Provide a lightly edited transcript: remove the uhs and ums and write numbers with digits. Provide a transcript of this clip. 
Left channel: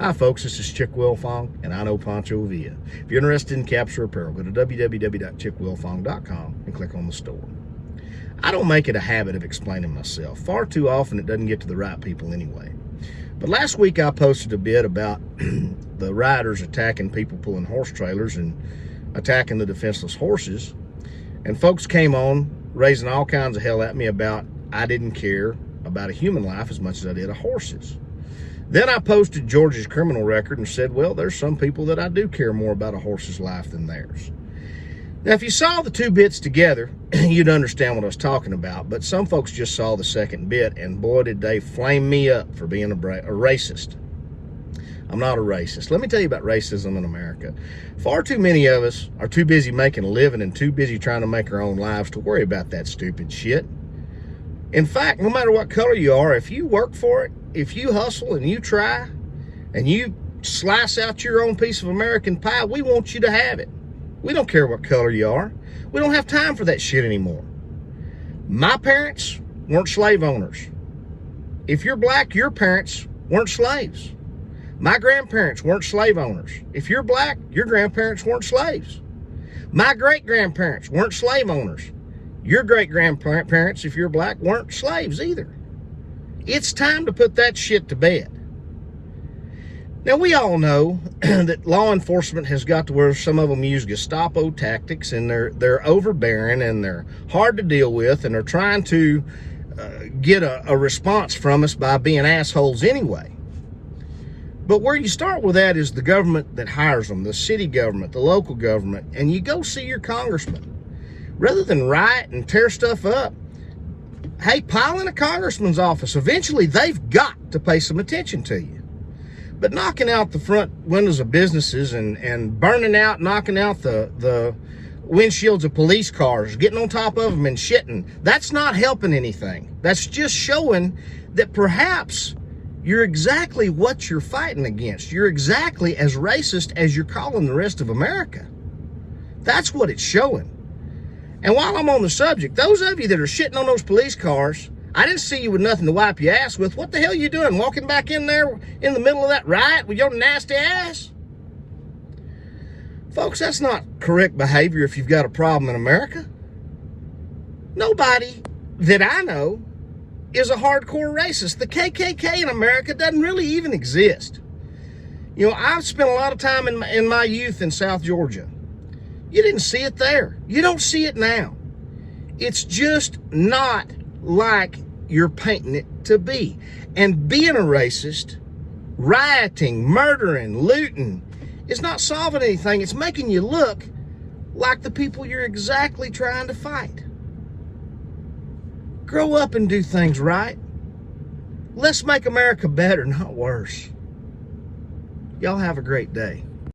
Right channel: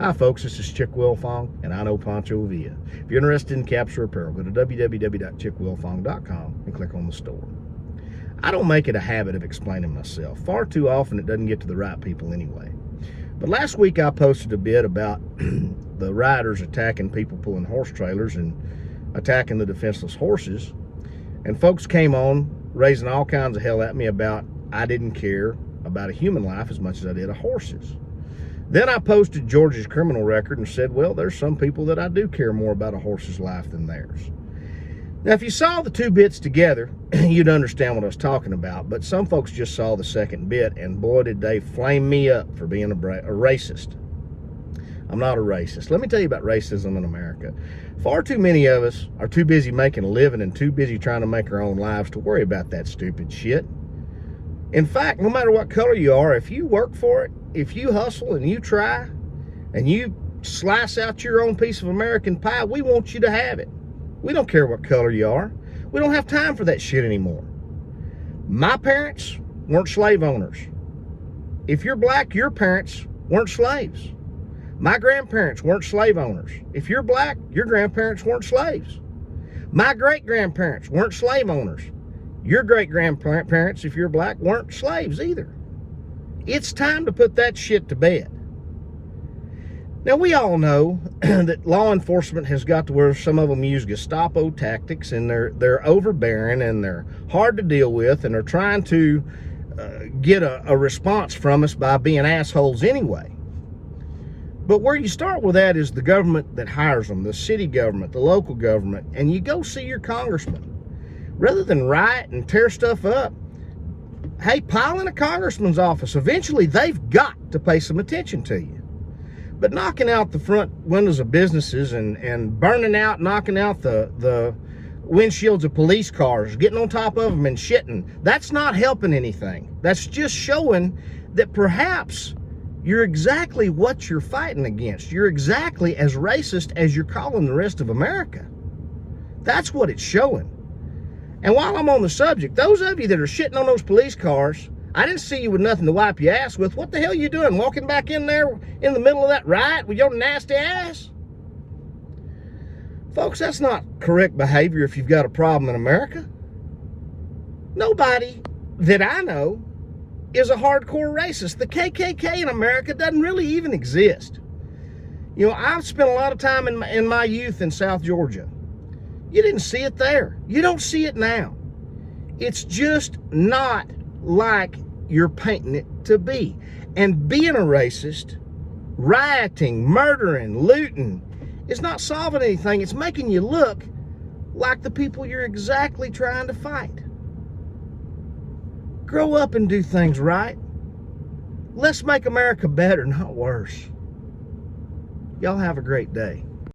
Hi folks, this is Chick Wilfong, and I know Pancho Villa. If you're interested in capsule apparel, go to www.chickwilfong.com and click on the store. I don't make it a habit of explaining myself. Far too often it doesn't get to the right people anyway. But last week I posted a bit about the rioters attacking people pulling horse trailers and attacking the defenseless horses. And folks came on raising all kinds of hell at me about I didn't care about a human life as much as I did a horse's. Then I posted Georgia's criminal record and said, well, there's some people that I do care more about a horse's life than theirs. Now, if you saw the two bits together, you'd understand what I was talking about, but some folks just saw the second bit, and boy, did they flame me up for being a racist. I'm not a racist. Let me tell you about racism in America. Far too many of us are too busy making a living and too busy trying to make our own lives to worry about that stupid shit. In fact, no matter what color you are, if you work for it, if you hustle and you try and you slice out your own piece of American pie, we want you to have it. We don't care what color you are. We don't have time for that shit anymore. My parents weren't slave owners. If you're black, your parents weren't slaves. My grandparents weren't slave owners. If you're black, your grandparents weren't slaves. My great-grandparents weren't slave owners. Your great-grandparents, if you're black, weren't slaves either. It's time to put that shit to bed. Now, we all know that law enforcement has got to where some of them use Gestapo tactics, and they're overbearing and they're hard to deal with, and they're trying to get a response from us by being assholes anyway. But where you start with that is the government that hires them, the city government, the local government, and you go see your congressman. Rather than riot and tear stuff up, hey, pile in a congressman's office. Eventually, they've got to pay some attention to you. But knocking out the front windows of businesses and knocking out the windshields of police cars, getting on top of them and shitting, that's not helping anything. That's just showing that perhaps you're exactly what you're fighting against. You're exactly as racist as you're calling the rest of America. That's what it's showing. And while I'm on the subject, those of you that are shitting on those police cars, I didn't see you with nothing to wipe your ass with. What the hell are you doing? Walking back in there in the middle of that riot with your nasty ass? Folks, that's not correct behavior if you've got a problem in America. Nobody that I know is a hardcore racist. The KKK in America doesn't really even exist. You know, I've spent a lot of time in my youth in South Georgia. You didn't see it there. You don't see it now. It's just not like you're painting it to be. And being a racist, rioting, murdering, looting, is not solving anything. It's making you look like the people you're exactly trying to fight. Grow up and do things right. Let's make America better, not worse. Y'all have a great day.